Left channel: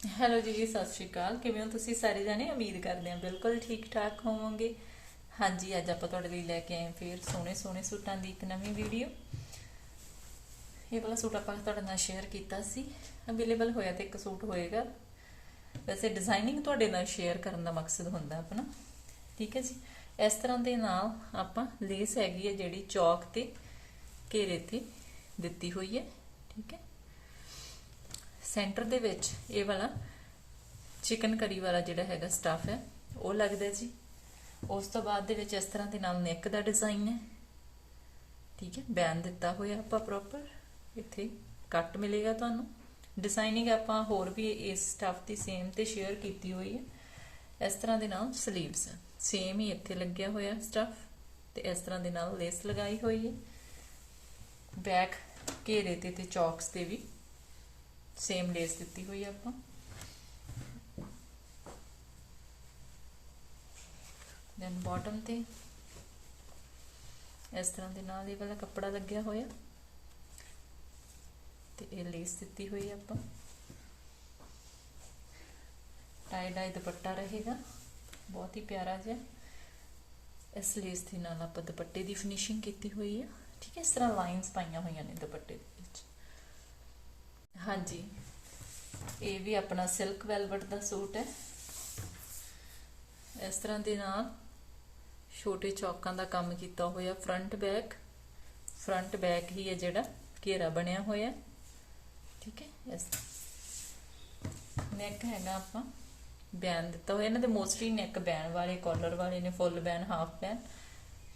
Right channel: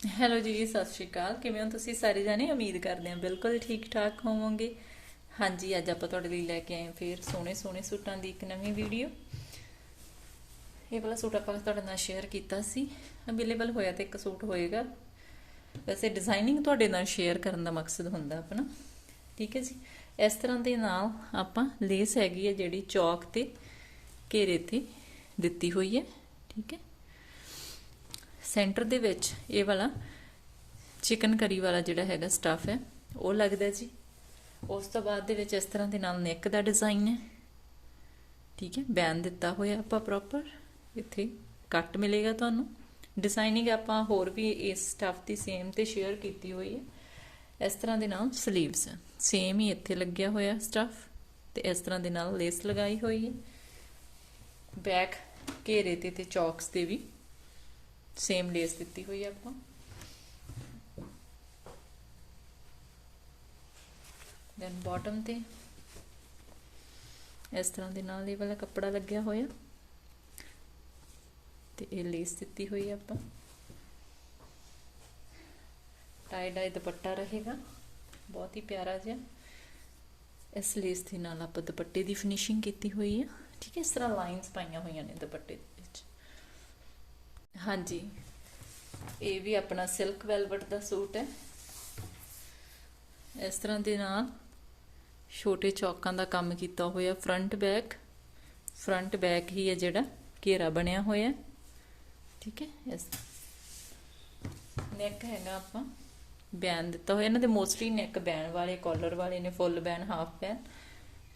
Hello ਜੀ ਸਤਿ ਸ਼੍ਰੀ ਅਕਾਲ। ਕਿਵੇਂ ਹੋ ਤੁਸੀਂ? ਸਾਰੇ ਜਾਣੇ ਉਮੀਦ ਕਰਦੇ ਹਾਂ ਬਿਲਕੁਲ ਠੀਕ ਠਾਕ ਹੋਵੋਗੇ। ਹਾਂਜੀ, ਅੱਜ ਆਪਾਂ ਤੁਹਾਡੇ ਲਈ ਲੈ ਕੇ ਆਏ ਹਾਂ ਫੇਰ ਸੋਹਣੇ ਸੋਹਣੇ ਸੂਟਾਂ ਦੀ ਇੱਕ ਨਵੀਂ ਵੀਡੀਓ। ਇਹ ਵਾਲਾ ਸੂਟ ਆਪਾਂ ਤੁਹਾਡੇ ਨਾਲ ਸ਼ੇਅਰ ਕੀਤਾ ਸੀ। ਅਵੇਲੇਬਲ ਹੋਇਆ ਤੇ ਇੱਕ ਸੂਟ ਹੋਏਗਾ। ਵੈਸੇ ਡਿਜ਼ਾਈਨਿੰਗ ਤੁਹਾਡੇ ਨਾਲ ਸ਼ੇਅਰ ਕਰਨ ਦਾ ਮਕਸਦ ਹੁੰਦਾ ਆਪਣਾ। ਠੀਕ ਹੈ ਜੀ? ਇਸ ਤਰ੍ਹਾਂ ਦੇ ਨਾਲ ਆਪਾਂ ਲੇਸ ਹੈਗੀ ਹੈ ਜਿਹੜੀ ਚੌਕ ਤੇ ਘੇਰੇ ਤੇ ਦਿੱਤੀ ਹੋਈ ਹੈ। ਠੀਕ ਹੈ? ਸੈਂਟਰ ਦੇ ਵਿੱਚ ਇਹ ਵਾਲਾ ਚਿਕਨ ਕਰੀ ਵਾਲਾ ਜਿਹੜਾ ਹੈਗਾ ਸਟਫ ਹੈ, ਉਹ ਲੱਗਦਾ ਜੀ। ਉਸ ਤੋਂ ਬਾਅਦ ਦੇ ਵਿੱਚ ਇਸ ਤਰ੍ਹਾਂ ਦੇ ਨਾਲ ਨੈਕ ਦਾ ਡਿਜ਼ਾਈਨ ਹੈ। ਠੀਕ ਹੈ, ਬੈਨ ਦਿੱਤਾ ਹੋਇਆ ਆਪਾਂ ਪ੍ਰੋਪਰ ਇੱਥੇ ਕੱਟ ਮਿਲੇਗਾ ਤੁਹਾਨੂੰ। ਡਿਜ਼ਾਈਨਿੰਗ ਆਪਾਂ ਹੋਰ ਵੀ ਇਸ ਸਟਫ ਦੀ ਸੇਮ ਤੇ ਸ਼ੇਅਰ ਕੀਤੀ ਹੋਈ ਹੈ। ਇਸ ਤਰ੍ਹਾਂ ਦੇ ਨਾਲ 슬ੀਵਸ ਸੇਮ ਹੀ ਇੱਥੇ ਲੱਗਿਆ ਹੋਇਆ ਸਟਫ ਤੇ ਇਸ ਤਰ੍ਹਾਂ ਦੇ ਨਾਲ ਲੇਸ ਲਗਾਈ ਹੋਈ ਹੈ। ਬੈਕ ਘੇਰੇ ਤੇ ਤੇ ਚੌਕਸ ਤੇ ਵੀ ਸੇਮ ਲੇਸ ਦਿੱਤੀ ਹੋਈ ਆ ਆਪਾਂ। ਦੈਨ ਬਾਟਮ ਤੇ ਇਸ ਤਰ੍ਹਾਂ ਦੇ ਨਾਲ ਇਹ ਵਾਲਾ ਕੱਪੜਾ ਲੱਗਿਆ ਹੋਇਆ। ਤੇ ਇਹ ਲੇਸ ਦਿੱਤੀ ਹੋਈ ਆ ਆਪਾਂ। ਟਾਈ ਡਾਈ ਦੁਪੱਟਾ ਰਹੇਗਾ। ਬਹੁਤ ਹੀ ਪਿਆਰਾ ਜਿਹਾ। ਇਸ ਲੇਸ ਦੇ ਨਾਲ ਆਪਾਂ ਦੁਪੱਟੇ ਦੀ ਫਿਨਿਸ਼ਿੰਗ ਕੀਤੀ ਹੋਈ ਹੈ ਠੀਕ ਹੈ, ਇਸ ਤਰ੍ਹਾਂ ਲਾਈਨਸ ਪਾਈਆਂ ਹੋਈਆਂ ਨੇ ਦੁਪੱਟੇ ਦੇ ਵਿੱਚ। ਹਾਂਜੀ। ਇਹ ਵੀ ਆਪਣਾ ਸਿਲਕ ਵੈਲਵਟ ਦਾ ਸੂਟ ਹੈ। ਇਸ ਤਰ੍ਹਾਂ ਦੇ ਨਾਲ ਛੋਟੇ ਚੌਕਾਂ ਦਾ ਕੰਮ ਕੀਤਾ ਹੋਇਆ ਫਰੰਟ ਬੈਕ ਫਰੰਟ ਬੈਕ ਹੀ ਹੈ ਜਿਹੜਾ ਘੇਰਾ ਬਣਿਆ ਹੋਇਆ ਠੀਕ ਹੈ, ਇਸ ਨੈਕ ਹੈਗਾ ਆਪਾਂ। ਬੈਨ ਦਿੱਤਾ ਹੋਇਆ। ਇਹਨਾਂ ਦੇ ਮੋਸਟਲੀ ਨੈਕ ਬੈਨ ਵਾਲੇ ਕਾਲਰ ਵਾਲੇ ਨੇ ਫੁੱਲ ਬੈਨ ਹਾਫ ਬੈਨ।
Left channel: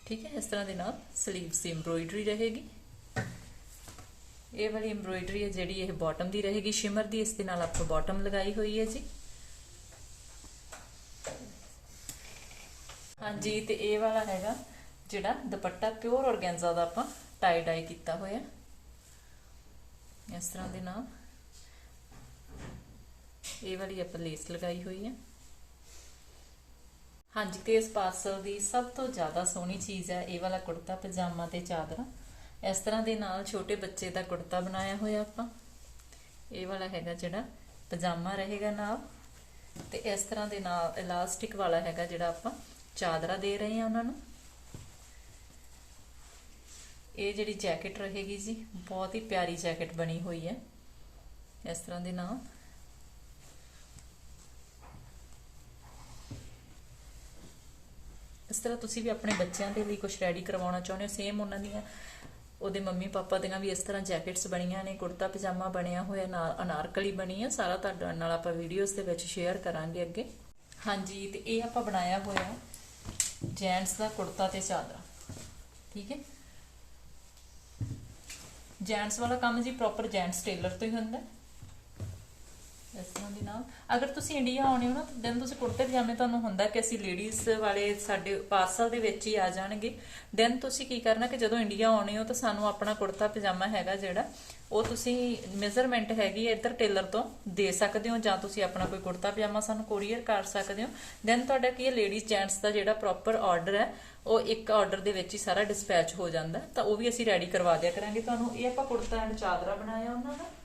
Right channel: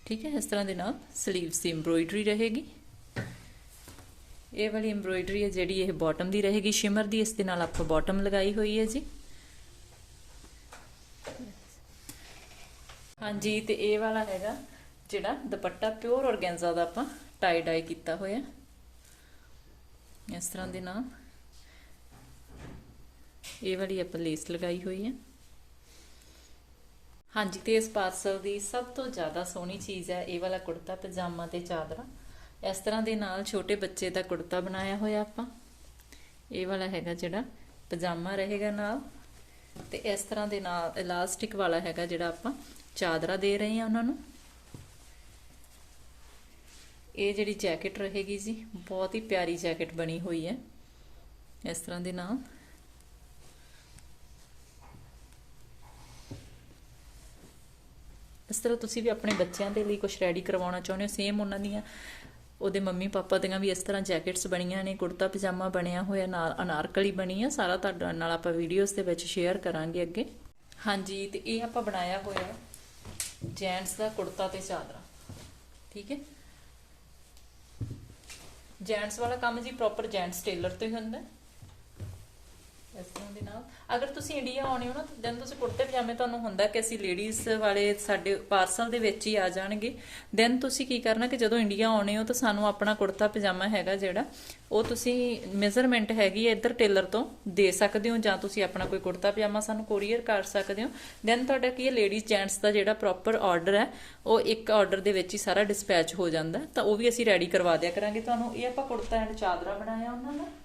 ਠੀਕ ਹੈ, ਇਸ ਤਰ੍ਹਾਂ ਦੇ ਨਾਲ 슬ੀਵਸ ਦੀ ਐਮਬ੍ਰੋਇਡਰੀ ਰਹੇਗੀ। ਇਹ ਵਾਲੀ ਐਮਬ੍ਰੋਇਡਰੀ ਹੈ ਜਿਹੜੀ ਇਹ ਬਾਟਮ ਦੀ ਰਹੇਗੀ ਸ਼ਿਮਰ ਦੀ, ਇਸ ਦੇ ਨਾਲ ਆਪਾਂ ਬਾਟਮ ਲਗਾਈ ਹੋਈ ਹੈ ਜੀ। ਹਾਂਜੀ, ਤੇ ਇਹ ਵਾਲਾ ਹੈਗਾ ਜਿਹੜਾ ਦੁਪੱਟਾ ਪਿਓਰ ਔਰਗੈਂਜ਼ਾ ਦਾ ਆਪਾਂ ਟਾਈ ਡਾਈ ਕੀਤਾ ਹੋਇਆ। ਇਸ ਤਰ੍ਹਾਂ ਦੇ ਨਾਲ ਇਹ ਵਾਲੀ ਆਪਾਂ ਲੇਸ ਲਗਾਈ ਹੋਈ ਹੈ। ਹਾਂਜੀ, ਤੇ ਇਸ ਪਾਰਸਲ ਦੀ ਸਭ ਤੋਂ ਜ਼ਿਆਦਾ ਸੋਹਣੀ ਚੀਜ਼ ਹੈ ਇਹ ਵਾਲਾ ਕੁੜਤਾ, ਪਜਾਮਾ ਤੇ ਚਾਦਰਾ। ਇਸ ਤਰ੍ਹਾਂ ਦੇ ਨਾਲ ਛੋਟੇ ਬੱਚੇ ਦਾ ਕੁੜਤਾ ਬਣਾਇਆ ਹੋਇਆ ਆਪਾਂ। ਇਹ ਵਾਲਾ ਹੈਗਾ ਜਿਹੜਾ ਪਜਾਮਾ ਰਹੇਗਾ ਨਾਲ ਤੇ ਇਸ ਤਰ੍ਹਾਂ ਦੇ ਨਾਲ ਇਲਾਸਟਿਕ ਵਾਲਾ ਹੈਗਾ ਜਿਹੜਾ ਆਪਾਂ ਚਾਦਰਾ ਦੇ ਰਹੇ ਹਾਂ ਉਹਨਾਂ ਨੂੰ। ਇਹ ਜਿਹੜੀ ਜੈਕਟ ਰਹੇਗੀ ਜੀ, ਬਹੁਤ ਹੀ ਪਿਆਰੀ ਜੈਕਟ ਬਣੀ ਹੋਈ ਹੈ। ਇਸ ਤਰ੍ਹਾਂ ਦੇ ਨਾਲ। ਇਸ ਤਰ੍ਹਾਂ ਤੁਸੀਂ ਵੀ ਆਪਣੇ ਬੱਚਿਆਂ ਦੇ ਲਈ ਕੁਝ ਰੈਡੀ ਕਰਵਾਉਣਾ ਚਾਹੁੰਦੇ ਹੋ? ਸੇਮ ਉਹਨਾਂ ਦੀਆਂ ਉਹਦੇ ਮੰਮੀ ਪਾਪਾ ਦੀਆਂ ਵੀ ਇਸ ਤਰ੍ਹਾਂ ਜੈਕਟਸ ਬਣੀਆਂ ਨੇ, ਕੁੜਤਾ ਪਜਾਮਾ ਬਣਿਆ ਹੋਇਆ, ਨਾਲ ਅਨਾਰਕਲੀ ਬਣੀ ਹੈ ਸਾਰਾ ਤੁਹਾਡੇ ਨਾਲ ਆਪਾਂ ਵੀਡੀਓਜ਼ ਦੇ ਵਿੱਚ ਸ਼ੇਅਰ ਕਰਾਂਗੇ ਅੱਗੇ। ਹਾਂਜੀ, ਤੇ ਇਹ ਆਪਾਂ ਬਣਾਇਆ ਹੋਇਆ ਜੈਂਟਸ ਦਾ ਕੁੜਤਾ ਤੇ ਚਾਦਰਾ। ਠੀਕ ਹੈ? ਜੈਂਟਸ ਵਾਲਾ ਕੰਮ ਜੀ ਪ੍ਰੋਪਰ ਜੈਂਟਸ ਟੇਲਰ ਤੇ ਹੁੰਦਾ। ਇਸ ਤਰ੍ਹਾਂ ਦੇ ਨਾਲ। ਅਗਰ ਤੁਸੀਂ ਇੰਡੀਆ ਆਉਣੇ ਹੋ ਨਾ, ਤਾਂ ਦੈਨ ਤੁਸੀਂ ਕੁੜਤੇ ਪਜਾਮੇ ਤੁਹਾਨੂੰ ਹੁੰਦਾ ਕਿ ਅਸੀਂ ਲੇਡੀਜ਼ ਵਾਲੇ ਸਾਡੇ ਪਾਰਸਲ ਦੇ ਵਿੱਚ ਹੀ ਆ ਜਾਣਗੇ। ਦੈਨ ਤੁਸੀਂ ਕੀ ਕਰਨਾ ਕਿ ਜਦੋਂ ਇੰਡੀਆ ਆਉਣੇ ਹੋ, ਤਾਂ ਸਾਨੂੰ ਆਪਣਾ ਕੁੜਤਾ ਪਜਾਮਾ ਹੈਗਾ ਜਿਹੜਾ, ਉਹ ਤੁਸੀਂ ਮੈਜ਼ਰਮੈਂਟ ਹੈਗੀ ਇੱਧਰ ਟੇਲਰ ਤੋਂ ਦੇ ਸਕਦੇ ਹੋ, ਜਾਂ ਤੁਸੀਂ ਆਪਣਾ ਕੋਈ ਕੁੜਤਾ ਪਜਾਮਾ ਸਾਨੂੰ ਕੋਰੀਅਰ ਕਰ ਸਕਦੇ ਹੋ। ਦੈਨ ਤੁਹਾਡਾ ਕੀ ਹੈ ਲੇਡੀਜ਼ ਜੈਂਟਸ ਦਾ ਜਿਹੜਾ ਪ੍ਰੋਪਰ ਆਰਡਰ ਹੈ, ਉਹ ਇੱਕ ਆਰਡਰ ਦੇ ਵਿੱਚ ਹੀ ਸਾਰਾ ਡਿਸਪੈਚ ਹੋ ਜਾਂਦਾ ਤਾਂ ਉਹ ਵੀ ਅਸੀਂ ਰੈਡੀ ਕਰਵਾ ਦਿਆ ਕਰਾਂਗੇ। ਤੁਹਾਨੂੰ ਇਹ ਆਪਾਂ ਕੁੜਤਾ ਐਂਡ ਚਾਦਰਾ ਬਣਾਇਆ ਉਹਨਾਂ ਦਾ।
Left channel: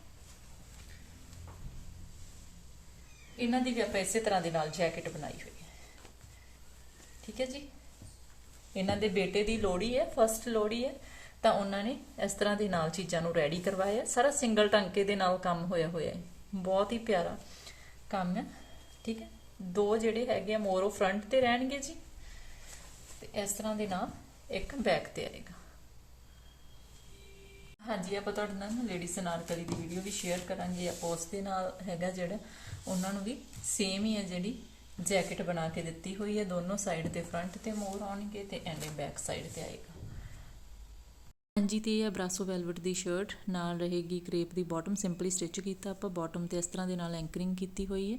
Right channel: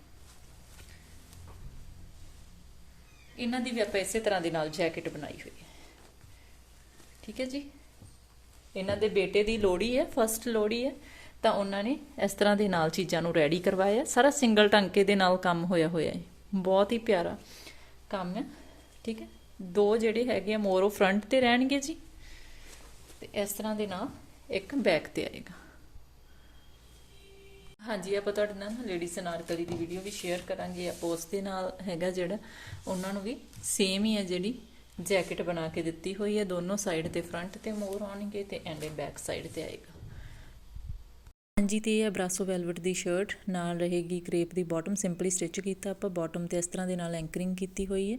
ਇਹਨਾਂ ਦੀ ਵੀ ਆਪਾਂ ਇਸੇ ਤਰ੍ਹਾਂ ਦੇ ਨਾਲ ਜੈਕਟ ਬਣਾਈ ਹੋਈ ਹੈ। ਠੀਕ ਹੈ ਜੀ? ਇਹਨਾਂ ਦੇ ਬੇਟੇ ਦੀ ਲੋੜੀ ਹੈ ਫਰਸਟ ਲੋੜੀ ਹੈ, ਤਾਂ ਉਹਨਾਂ ਨੇ ਇਸ ਤਰ੍ਹਾਂ ਦੇ ਨਾਲ ਚੀਜ਼ਾਂ ਨੂੰ ਰੈਡੀ ਕਰਵਾਇਆ। ਸਾਰਾ ਸਿੰਗਲ ਟਾਂਕੇ ਦੇ ਨਾਲ ਕੰਮ ਹੋਇਆ ਹੋਇਆ ਹੈ। ਬਹੁਤ ਹੀ ਪਿਆਰਾ ਕੰਮ ਹੈ। ਠੀਕ ਹੈ? ਦੋ ਜਿਹੜੇ ਹੈਗੇ ਆ, ਮੋਰ ਉਹ ਫਰੰਟ ਤੇ ਰਹਿਣਗੇ ਜੀ। ਤੇ ਇਸ ਤਰ੍ਹਾਂ ਦੇ ਨਾਲ ਇੱਕ ਬੈਕ ਤੇ ਆਏਗਾ। ਹਾਂਜੀ, ਆਪਾਂ ਤੁਹਾਡੇ ਨਾਲ ਲੇਡੀਜ਼ ਅਨਾਰਕਲੀ ਦੀ ਵੀਡੀਓ ਵੀ ਸ਼ੇਅਰ ਕਰਾਂਗੇ, ਆਪਾਂ ਉਸ ਦੇ ਨਾਲ ਹੈਗਾ ਜਿਹੜਾ, ਉਹਨਾਂ ਨੂੰ ਵੀ ਸੇਮ ਹੀ ਹੈ ਜਿਹੜੀ ਜੈਕਟ ਬਣਾ ਕੇ ਦਿੱਤੀ ਹੋਈ ਹੈ, ਦੋਨੋਂ ਸਾਈਡ ਤੇ ਫਰੰਟ ਤੇ ਮੋਰ ਆਉਣਗੇ ਤੇ ਐਂਡ ਬੈਕ ਸਾਈਡ ਤੇ ਆਏਗਾ। ਹਾਂਜੀ, ਤੇ ਇਹ ਹੈ ਬਰਾਸੋ ਵੈਲਵਟ ਦੀ ਸ਼ਰਟ ਨਾਲ ਰਹੇਗੀ ਕ੍ਰੇਪ ਦੀ ਬਾਟਮ ਸਿੰਪਲੀ ਸਟਿਚ ਕੀਤਾ ਆਪਾਂ ਬਾਟਮ ਤੇ ਇਸ ਤਰ੍ਹਾਂ ਦੇ ਨਾਲ ਐਂਕਰਿੰਗ ਕੀਤੀ ਹੋਈ ਹੈ।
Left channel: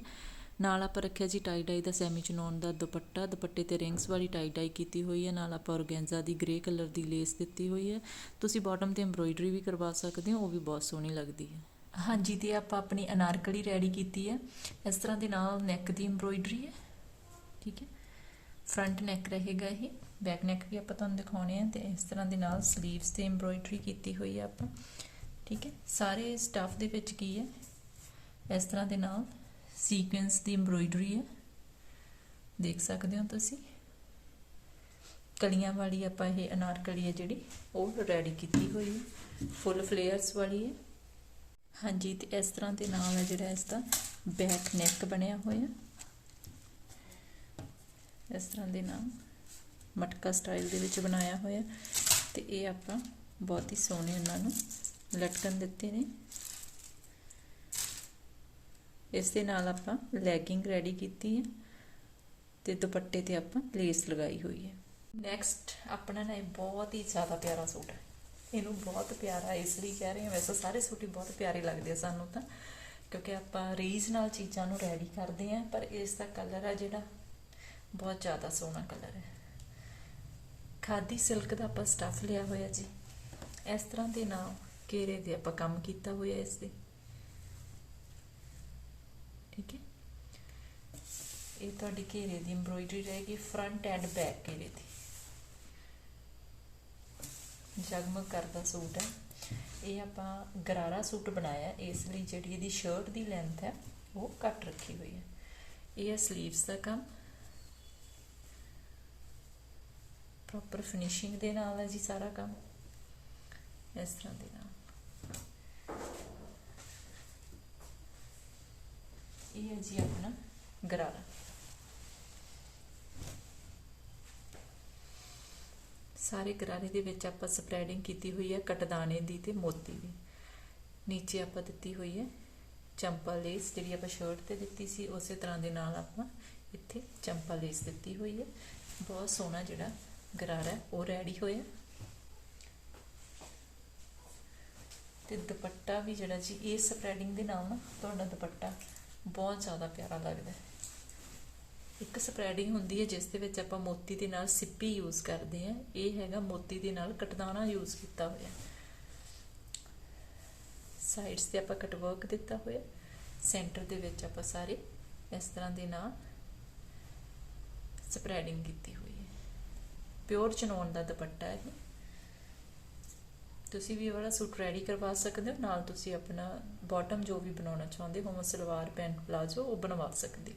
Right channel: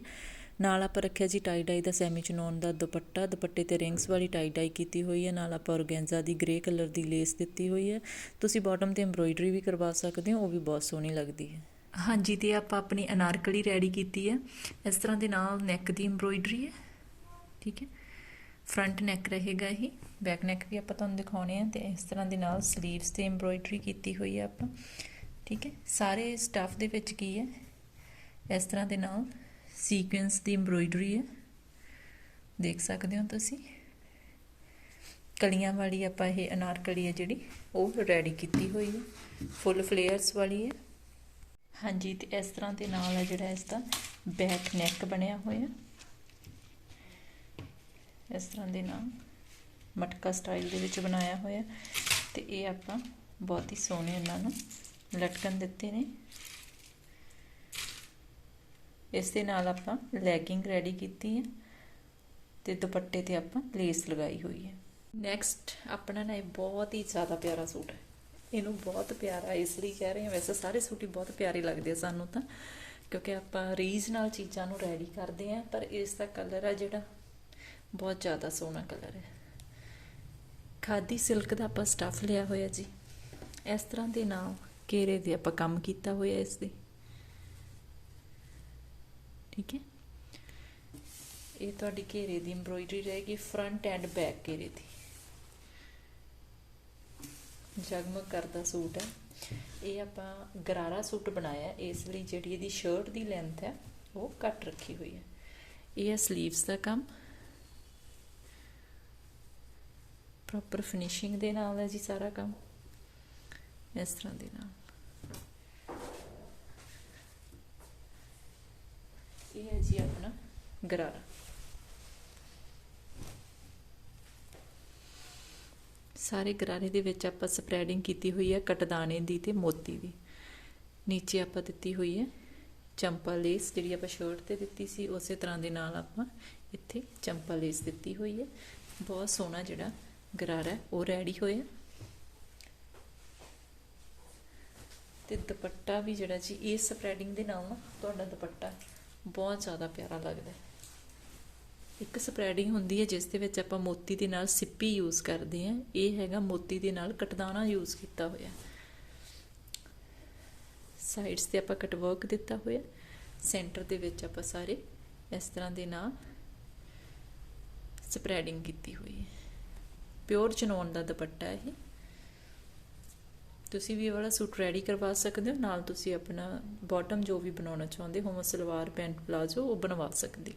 ਨਾਲ ਆਪਾਂ ਰੱਖਿਆ ਜੀ ਟਾਈ ਡਾਈ ਦਾ ਸੈਮੀ ਚਨੋਨ ਦਾ ਦੁਪੱਟਾ। ਦੁਪੱਟੇ ਤੇ ਰਿੰਗਸ ਵਾਲੀ ਟਾਈ ਡਾਈ ਕੀਤੀ ਹੋਈ ਹੈ। ਨਾਲ ਆਪਾਂ ਔਰਗੈਂਜ਼ਾ ਦੀ ਗ੍ਰੇ ਕਲਰ ਦੀ ਲੇਸ ਦਿੱਤੀ ਹੋਈ ਹੈ। ਤੁਸੀਂ ਬਾਟਮ ਤੇ ਐਮਬ੍ਰੋਇਡਰੀ ਵੀ ਕਰਵਾ ਸਕਦੇ ਹੋ, ਉਹ ਵੀ ਬਹੁਤ ਸੋਹਣੀ ਲੱਗਦੀ ਹੈ। ਹਾਂਜੀ, ਤੇ ਆਪਾਂ ਆਪਣੀ ਅਨਾਰਕਲੀ ਰੈਡੀ ਕੀਤੀ ਹੈ। ਇਸ ਤਰ੍ਹਾਂ ਦੇ ਨਾਲ ਨੈਕ ਦੀ ਐਮਬ੍ਰੋਇਡਰੀ ਹੈ। ਠੀਕ ਹੈ। ਫਰੰਟ ਨੈਕ ਰਹੇਗਾ ਇਹ। ਬੈਕ ਨੈਕ ਵੀ ਆਪਾਂ ਤੁਹਾਨੂੰ ਦਿਖਾਉਣੇ ਆ। ਤੇ ਇਸ ਤਰ੍ਹਾਂ ਦੇ ਨਾਲ 슬ੀਵਸ ਤੇ ਐਮਬ੍ਰੋਇਡਰੀ ਕੀਤੀ ਹੋਈ ਹੈ ਆਪਾਂ। ਠੀਕ ਹੈ। ਸਾਰੇ ਸਟਫ ਦੇ ਵਿੱਚ ਕੀ ਹੈ? ਇਸ ਤਰ੍ਹਾਂ ਦੇ ਨਾਲ ਸੀਕੁਐਂਸ ਦੀ ਐਮਬ੍ਰੋਇਡਰੀ ਹੈ। ਦੇਖ ਸਕਦੇ ਹੋ ਤੁਸੀਂ। ਕਲੀਆਂ ਵਾਲੀ ਆਪਾਂ ਇਹ ਅਨਾਰਕਲੀ ਹੈ ਜਿਹੜੀ, ਉਹ ਰੈਡੀ ਕੀਤੀ ਹੋਈ ਹੈ। ਫੁੱਲ ਫਲੇਅਰਸ ਵਾਲੀ ਹੈ। ਹਾਂਜੀ, ਤੇ ਇਸ ਤਰ੍ਹਾਂ ਦੇ ਨਾਲ ਹੈ ਜਿਹੜਾ ਇਸ ਦਾ ਬੈਕ ਨੈਕ ਬਣਿਆ ਹੋਇਆ। ਇਸ ਤਰ੍ਹਾਂ ਦੇ ਨਾਲ ਮਟਕਾ ਸਟਾਈਲ ਦੇ ਵਿੱਚ ਬਣਾਇਆ ਹੋਇਆ। ਤੇ ਇਹ ਆਪਾਂ ਬਹੁਤ ਹੀ ਸੋਹਣੇ ਉਹਨਾਂ ਨੂੰ ਲਟਕਣ ਦਿੱਤੇ ਨੇ। ਇਸ ਦੇ ਨਾਲ ਆਪਾਂ ਲੈਗਿੰਗ ਰੈਡੀ ਕੀਤੀ ਹੈ ਤੇ ਦੁਪੱਟੇ ਤੇ ਆਪਾਂ ਲੇਸ ਲਗਾਈ ਹੋਈ ਹੈ। ਨੈਕਸਟ ਆਪਣਾ ਨਾ ਇਹ ਬਹੁਤ ਹੀ ਜ਼ਿਆਦਾ ਪਿਆਰਾ ਸੂਟ ਹੈ। ਇਹਨੂੰ ਬਹੁਤ ਪਿਆਰਾ, ਇਸ ਲਈ ਕਹਿ ਰਹੇ ਹਾਂ, ਵੈਸੇ ਸਾਰੇ ਸੂਟ ਹੀ ਬਹੁਤ ਪਿਆਰੇ ਲੱਗਦੇ ਆ ਸਾਨੂੰ ਤਾਂ, ਕਿਉਂਕਿ ਆਪਾਂ ਰੀਜ ਨਾਲ ਚੀਜ਼ਾਂ ਨੂੰ ਰੈਡੀ ਕਰਦੇ ਆ ਪਰ ਇਸ ਦਾ ਕਲਰ ਆ ਜਿਹੜਾ ਬਹੁਤ ਜ਼ਿਆਦਾ ਸੋਹਣਾ ਕਲਰ ਹੈ। ਖਾਦੀ ਸਿਲਕ ਦਾ ਆਪਾਂ ਸਟਫ ਲਿਆ ਹੋਇਆ ਜੀ। ਇਸ ਤਰ੍ਹਾਂ ਦੇ ਨਾਲ ਘੇਰੇ ਦੇ ਆਪਾਂ ਕੰਮ ਕੀਤਾ ਹੋਇਆ ਇਸ ਦੇ। ਠੀਕ ਹੈ? ਇਹ ਤੁਹਾਡੀ ਘੇਰੇ ਦੀ ਐਮਬ੍ਰੋਇਡਰੀ ਰਹੇਗੀ ਫਰੰਟ ਐਂਡ ਬੈਕ ਘੇਰੇ ਦੀ। ਜਗਮਗ ਕਰਦਾ ਸੂਟ ਹੈ। ਇਹ ਆਪਾਂ ਗਰਾਰਾ ਸੂਟ ਬਣਾਇਆ ਇਸ ਲਈ ਜਿਹੜੀ ਇਹਦੀ ਸ਼ਰਟ ਦੀ ਲੈਂਥ ਹੈ, ਉਹ ਘੱਟ ਰੱਖੀ ਹੋਈ ਹੈ। ਇਹ ਹੈ ਸਲੀਵਸ ਦਾ ਕੰਮ। ਪ੍ਰੋਪਰ ਫਿਨਿਸ਼ਿੰਗ ਦੇ ਨਾਲ ਹੈ ਜੀ ਸਾਰਾ ਕੰਮ। ਇਸ ਤਰ੍ਹਾਂ ਦੇ ਨਾਲ। ਇਹ ਹੈ ਜੀ ਆਪਣਾ ਗਰਾਰਾ। ਸਾਰੇ ਗਰਾਰੇ ਦੇ ਵਿੱਚ ਆਪਾਂ ਸਪਰੈਡਿੰਗ ਕੀਤੀ ਹੋਈ ਹੈ ਕਟਦਾਨੇ ਦੀ ਤੇ ਮੋਤੀ ਦੀ। ਨੀਚੇ ਆਪਾਂ ਦਿੱਤੀ ਹੋਈ ਹੈ ਚੰਪਾ ਲੇਸ, ਜਿਹੜੀ ਆਪਾਂ ਸ਼ਰਟ ਤੇ ਦਿੱਤੀ ਸੀ, ਉਸੇ ਤਰ੍ਹਾਂ ਦੇ ਨਾਲ ਆਪਾਂ ਇੱਥੇ ਚੰਪਾ ਲੇਸ ਦਿੱਤੀ ਹੋਈ ਹੈ। ਬਹੁਤ ਸੋਹਣਾ ਜਿਹੜਾ ਗਰਾਰਾ ਉਹ ਰੈਡੀ ਹੋਇਆ। ਤੇ ਦੁਪੱਟਾ ਵੀ ਜਿਹੜਾ ਜੀ, ਇਹ ਸਪਰੈਡਿੰਗ ਦੇ ਨਾਲ ਨਾ, ਤੁਹਾਡਾ ਦੁਪੱਟਾ ਬਹੁਤ ਜ਼ਿਆਦਾ ਪਿਆਰਾ ਲੱਗਦਾ ਹੈ। ਇੱਕ ਸਪਰੈਡਿੰਗ ਹੁੰਦੀ ਹੈ ਜਿਸ ਦੇ ਵਿੱਚ ਆਪਾਂ ਮੋਤੀ ਦੇ ਨਾਲ ਸਿੱਪੀ ਯੂਜ਼ ਕਰਦੇ ਹਾਂ। ਇਹ ਹੈਗਾ ਮੋਤੀ ਦੇ ਨਾਲ ਕਟਦਾਨਾ ਯੂਜ਼ ਕੀਤਾ ਹੋਇਆ ਸਾਈਡਸ ਤੇ ਆਪਾਂ ਕਟ ਵਰਕ ਦਿੱਤਾ ਹੋਇਆ ਸੈਂਟਰ ਦੇ ਵਿੱਚ ਆਪਾਂ ਸਾਰੇ ਇਸ ਤਰ੍ਹਾਂ ਦੇ ਨਾਲ ਸਪਰੈਡਿੰਗ ਕੀਤੀ ਹੋਈ ਹੈ। ਪਿਓਰ ਚਨੋਨ ਦਾ ਦੁਪੱਟਾ ਇਹ। ਤੁਸੀਂ ਵੀ ਇਹ ਵਾਲਾ ਸੂਟ ਰੈਡੀ ਕਰਵਾ ਸਕਦੇ ਹੋ, ਨਾਲ ਤੁਸੀਂ ਆਪਣਾ ਬਾਟਮ ਜੋ ਵੀ ਬਣਾਉਣਾ ਚਾਹੁੰਦੇ ਹੋ ਸਲਵਾਰ ਪੈਂਟ, ਪਲਾਜ਼ੋ, ਉਹ ਬਣਵਾ ਸਕਦੇ